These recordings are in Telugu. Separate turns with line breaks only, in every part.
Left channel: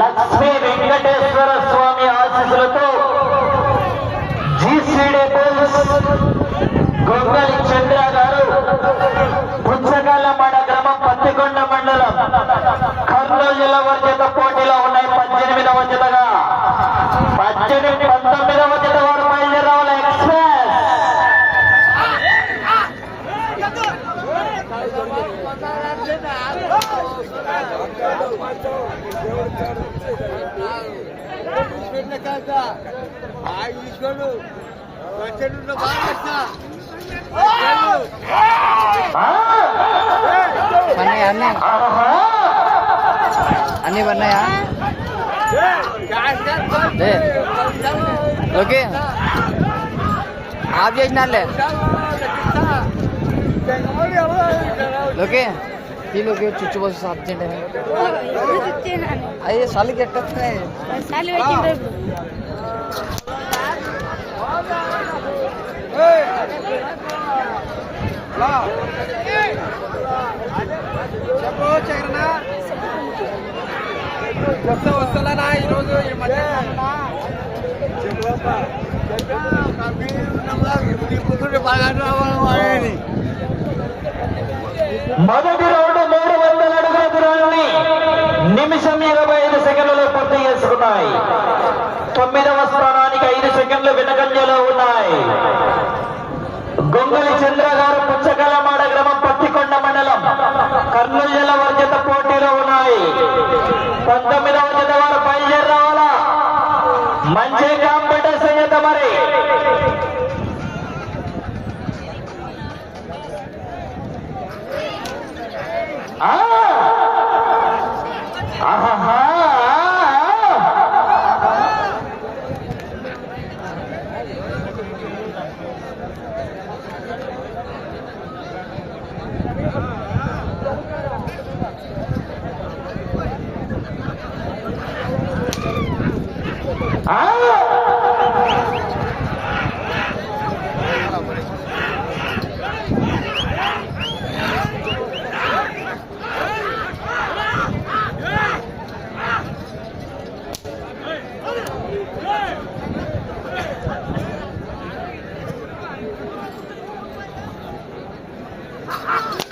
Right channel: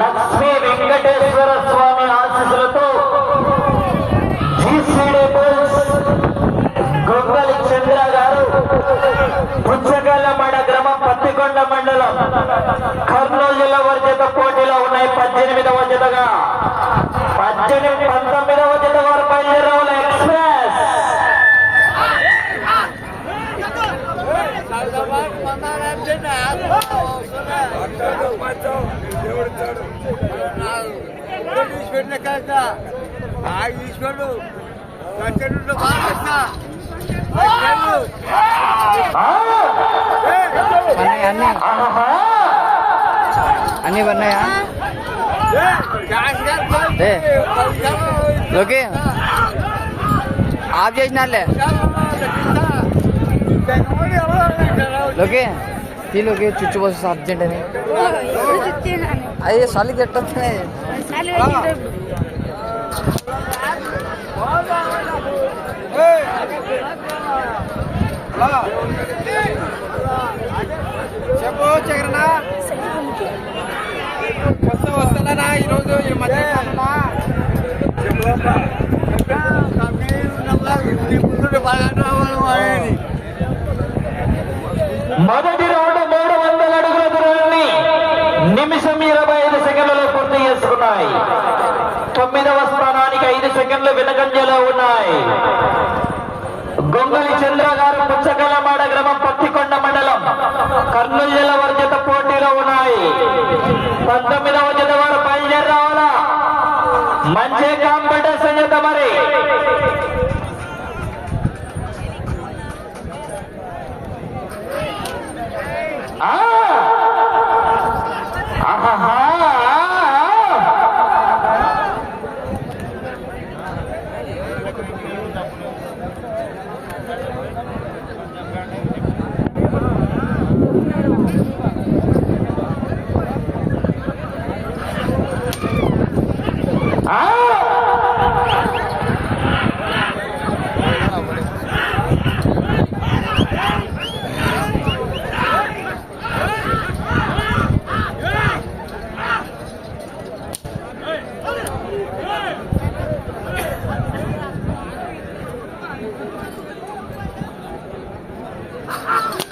లక్ష్మీ వెంకటేశ్వర స్వామి ఆశీస్సులతో జీసీడీ బోల్స్ గొంగలి చంద్ర గారు పుచ్చగల్లమడ గ్రామం పత్తికొండ మండలం కర్నూలు జిల్లా వారి పోటీలో ఉన్నాయి. పద్దెనిమిదవ జతగా. పద్దెనిమిది పంతొమ్మిదవ జత వారు బయలుదేరావుల ఎక్స్ప్రెస్.
లెక్క ఆ ఈశ్వరుడు ప్రచండు
పన్నాయా అన్న. అన్నీ పన్నాయా ఓకే ఆఫ్ చేసినాలే ఓకే ఫీల్ ఓకే చుచ్చు బస్సు అర్జెంట్ అని. అదే
చెప్పు చరణ కొత్త వస్తుందనా ఈరోజు ఈ మధ్య
మొదటి రౌండ్ నిమిషం ఇరవై ఐదు సెకండ్లలో పూర్తి చేసుకున్నాయి. తొమ్మిదవ స్థానానికి ఐదు సెకండ్లు వెనకంజలో ఉన్నాయి. గొంగలి చంద్ర గారు పుచ్చకలమాడ గ్రామం పత్తికొండ మండలం కర్నూలు జిల్లా వర్జిత పోటీలో ఉన్నాయి. పంతొమ్మిదవ జత వారు బయలుదేరి రావాలా? మంచి Ha ha ha!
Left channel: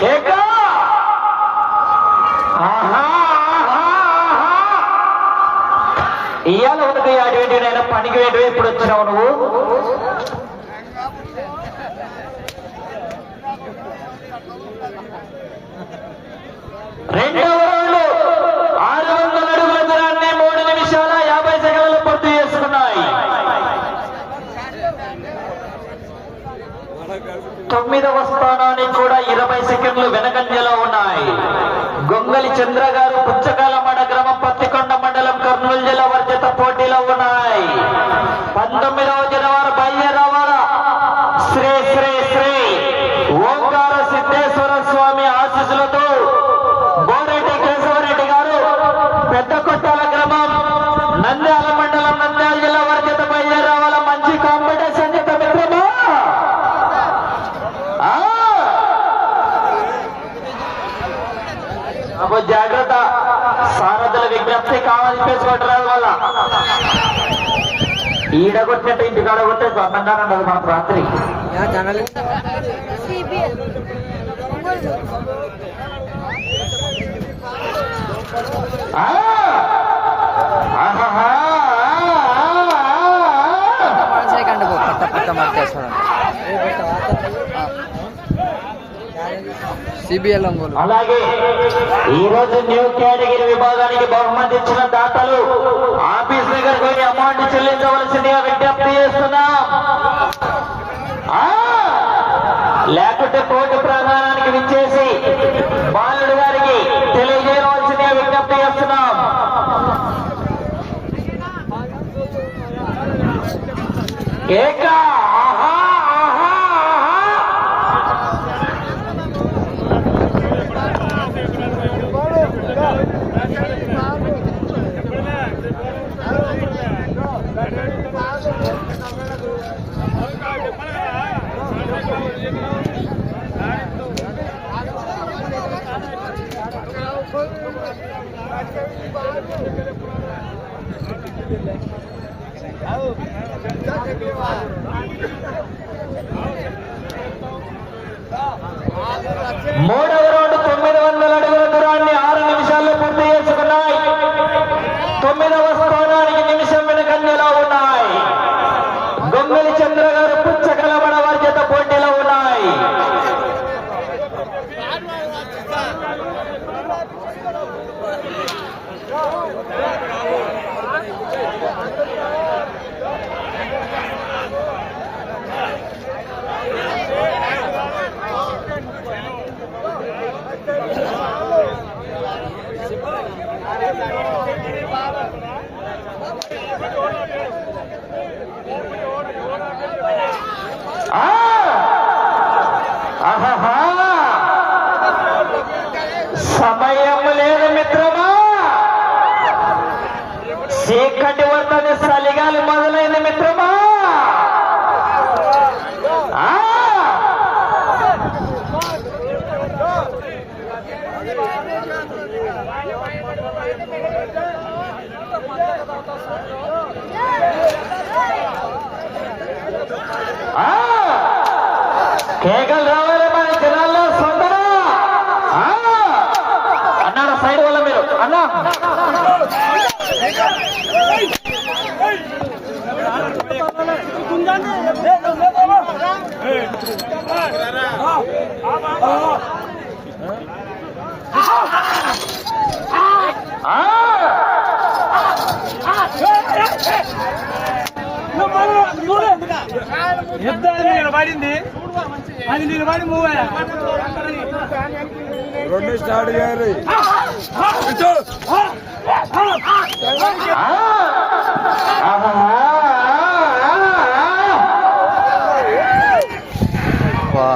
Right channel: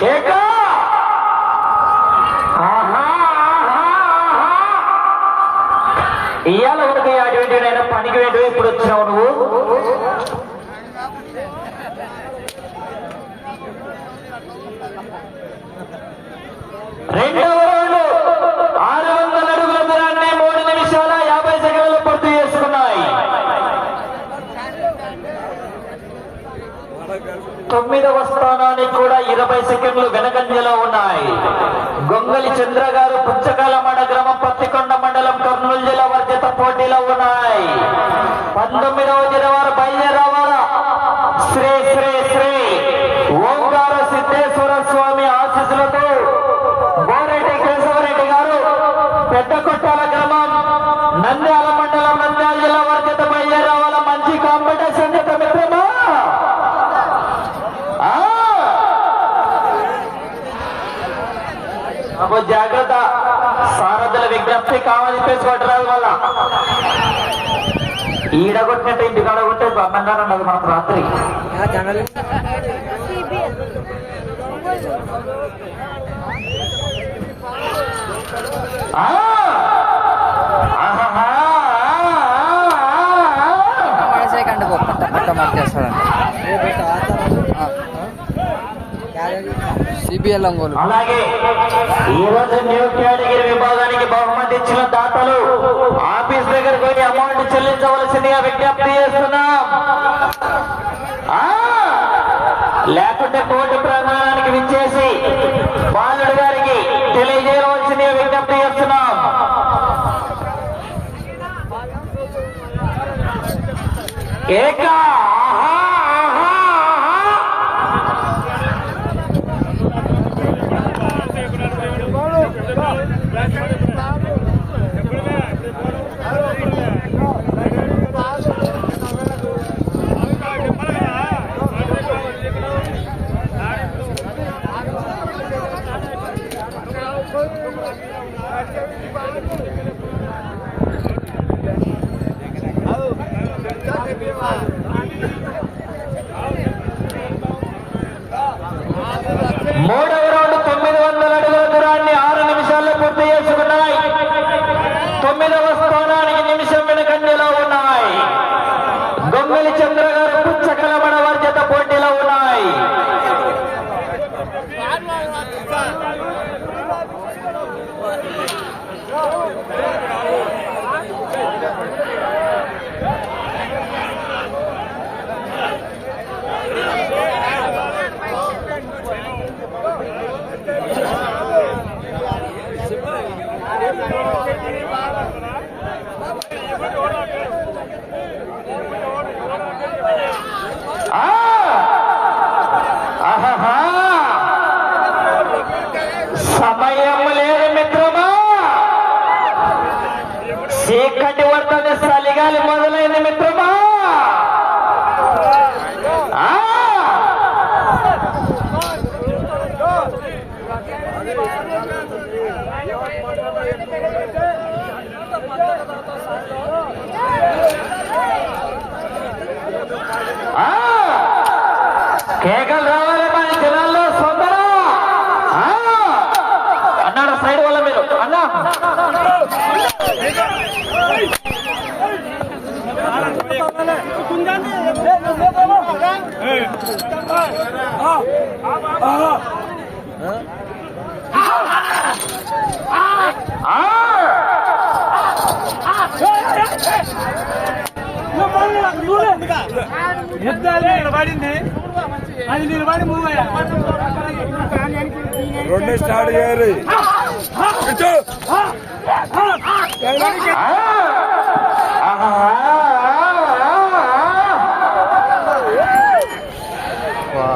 కేక! ఇవాళ ఒకటి అటువంటి నేను పనికి వేడి ఇప్పుడు వచ్చావు నువ్వు. రెండవ రౌండ్ ఆరు వందల అడుగుల దూరాన్ని మూడు నిమిషాల యాభై సెకండ్లు పూర్తి చేసుకున్నాయి. తొమ్మిదవ స్థానానికి కూడా ఇరవై సెకండ్లు వెనకంజలో ఉన్నాయి. గొంగలి చంద్ర గారు పుచ్చకాలమడ గ్రామం పత్తికొండ మండలం కర్నూలు జిల్లా వర్జిత పోటీలో ఉన్నాయి. ఈడగొట్టినట్టు ఇంటికాడ కొట్టే బంగారం ఉండదు మనకు రాత్రి.
సిబిఎల్ ఒంగోలు
అలాగే. ఈ రోజు న్యూ కేటగిరీ విభాగానికి బహుమతి ఇచ్చిన దాతలు దగ్గరికి వెళ్ళి అమౌంట్ చెల్లించవలసిందిగా విజ్ఞప్తి చేస్తున్నాం. లేకుంటే కోర్టు ప్రాంగణానికి విచ్చేసి బాలుడు గారికి తెలియజేయవలసిందిగా విజ్ఞప్తి చేస్తున్నాం. ఏకా! మూడవ రౌండ్ తొమ్మిది వందల అడుగుల దూరాన్ని ఆరు నిమిషాల్లో పూర్తి చేసుకున్నాయి. తొమ్మిదవ స్థానానికి నిమిషం వెనుకంజలో ఉన్నాయి. దొంగలి చంద్ర గారు పుచ్చకలమణ ¡Vamos! ¡Vamos! ¡Vamos! కేకలు రావాలి మన జనాల్లో సొందర అన్నారా సైడ్ వల్ల మీరు? అన్నా!
యుద్ధాలు నిలబడింది అది నిలబడి మూవ్ అయ్యా రెండు స్టార్ట్ చేయాలి.
వా,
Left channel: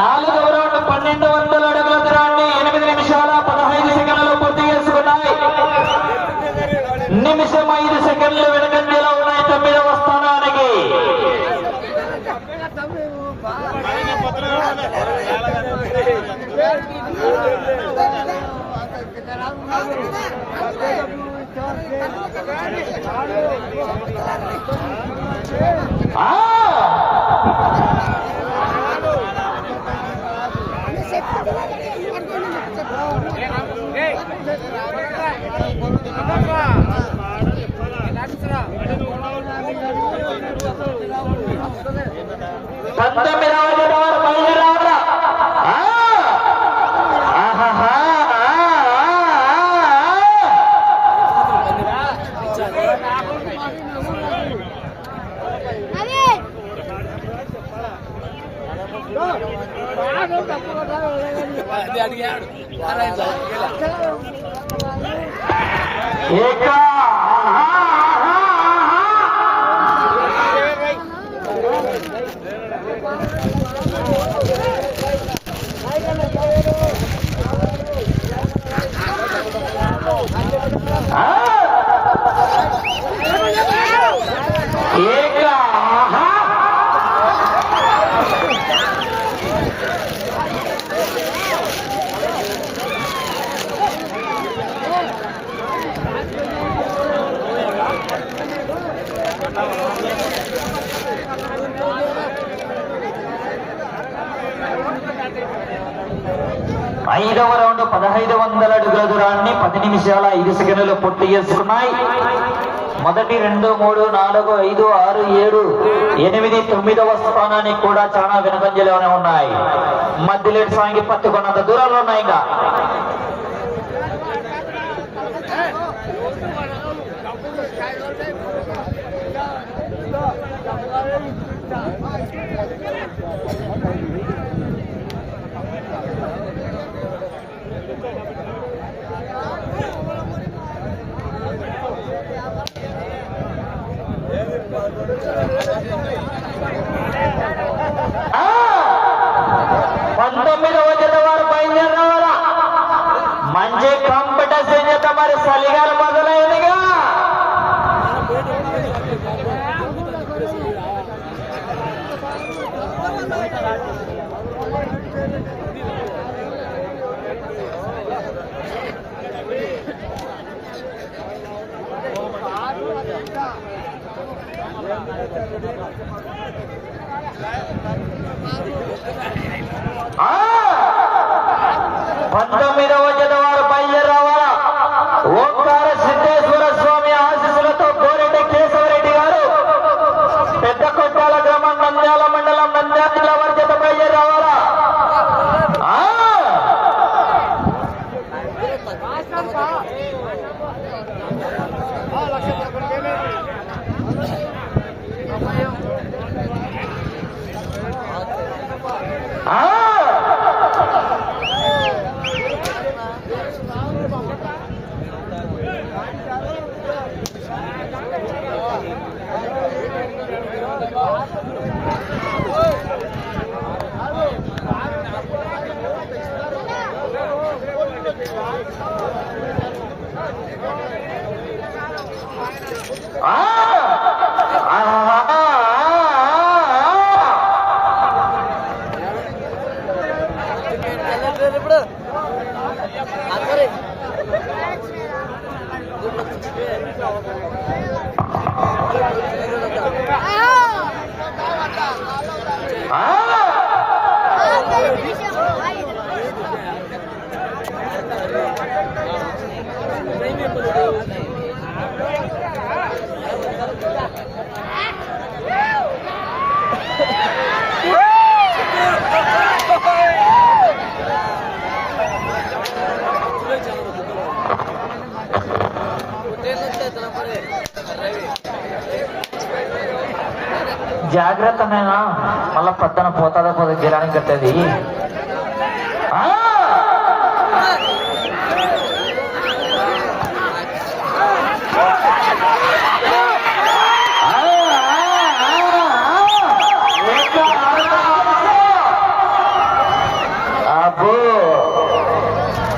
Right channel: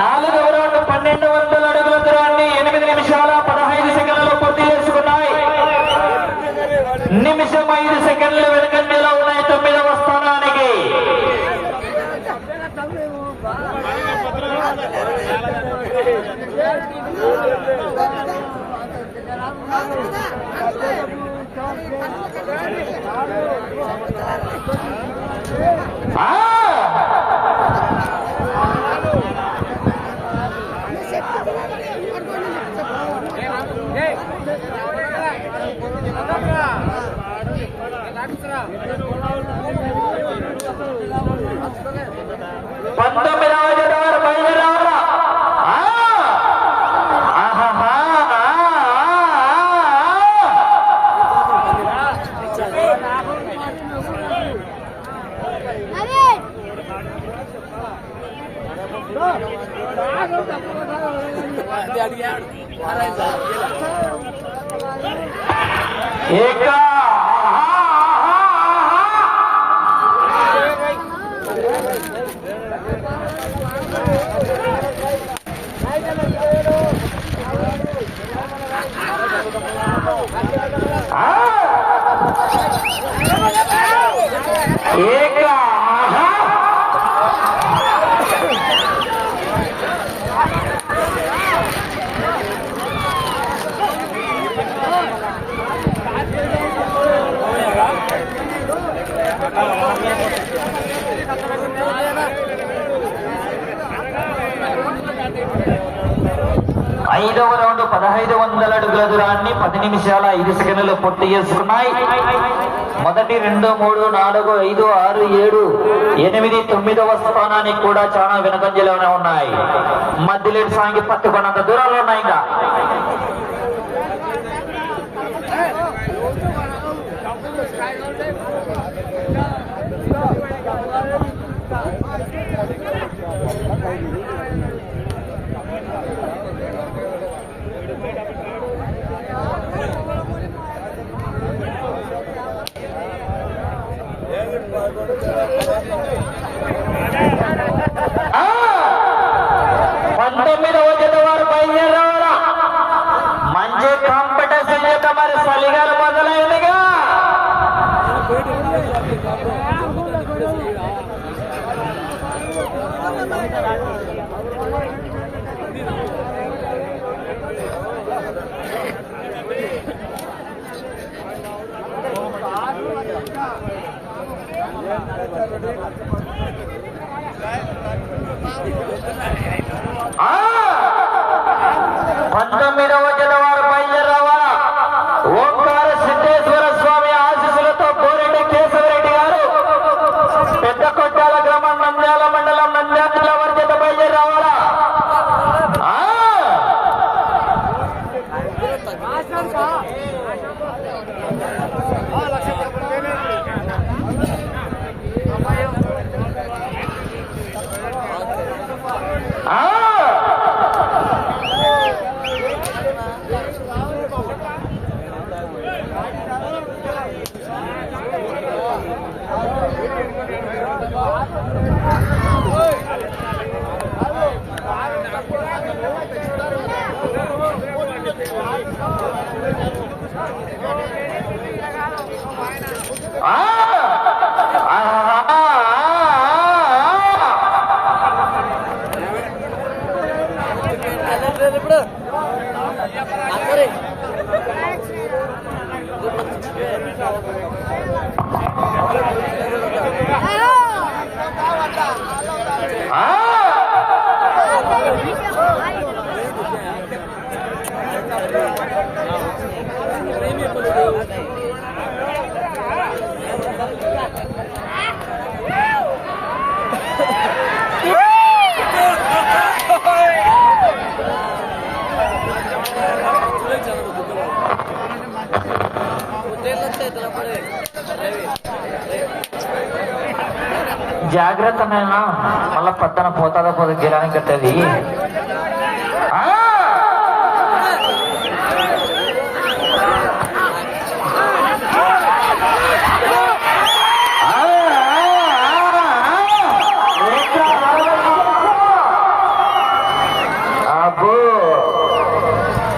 నాలుగవ రౌండ్ పన్నెండు వందల అడుగుల దూరాన్ని ఎనిమిది నిమిషాల పదహైదు సెకండ్లు పూర్తి చేసుకున్నాయి. నిమిషం ఐదు సెకండ్లు వెనుక పంతొమ్మిదవ జత వారు బయలుదేరారా ఆ! ఆహాహా! ఆ! ఆ! ఆ! ఏక ఆహా! ఆహా! ఆహా! ఆ! ఏక ఆహా! ఐదవ రౌండ్ పదహైదు వందల అడుగుల దూరాన్ని పది నిమిషాల ఐదు సెకండ్లు పూర్తి చేసుకున్నాయి. మొదటి రెండు మూడు నాలుగు ఐదు ఆరు ఏడు ఎనిమిది తొమ్మిదవ స్థానానికి కూడా చాలా వెనుకంజలోనే ఉన్నాయి. మధ్యలో సాంగి పట్టుకున్నంత దూరంలో ఉన్నాయి ఇంకా. పంతొమ్మిదవ జత వారు బయలుదేరి రావాలా? మంచి కాంపిటీషన్ యొక్క మరి చలిగాలు మొదలైనగా పంతొమ్మిదవ జత వారు ఓంకార సిద్ధేశ్వర స్వామి ఆశీస్సులతో గోరెడ్డి కేశవరెడ్డి గారు పెద్ద కొట్టాల గ్రామం నంద్యాల మండలం నంద్యాల వర్గత వారి జత బయలుదేరవాలా ఆ! ఆ! ఆ! జాగ్రత్త నేనా మళ్ళా పక్కన పోతాదో పోతే గిరానికి కట్టేది. ఆ!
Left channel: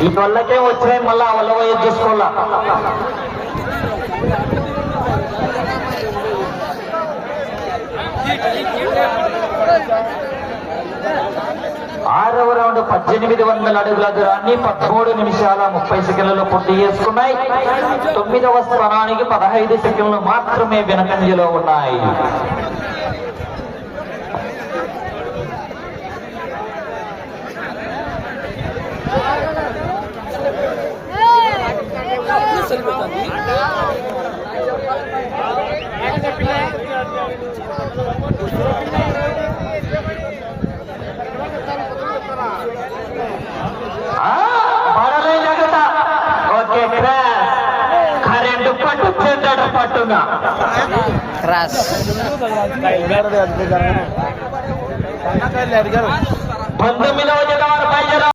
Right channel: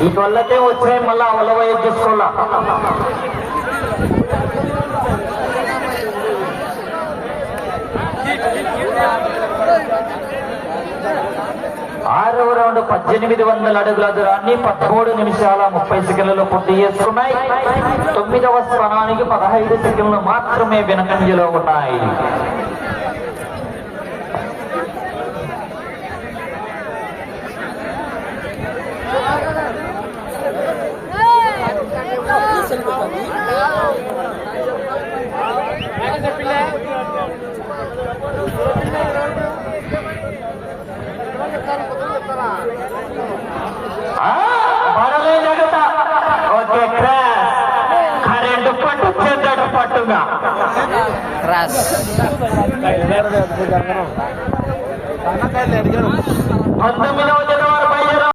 ఈ వల్లకే వచ్చాయి మళ్ళా అవలవ చేసుకోవాలా ఎనిమిది పద్దెనిమిది వందల అడుగుల దూరాన్ని పదమూడు నిమిషాల ముప్పై సెకండ్లలో పూర్తి చేసుకున్నాయి. తొమ్మిదవ స్థానానికి పదహైదు సెకండ్లు మాత్రమే వెనకంజలో ఉన్నాయి. ఆ, చెడ్డ పట్టుగా
క్రాస్
పంతొమ్మిదవ జత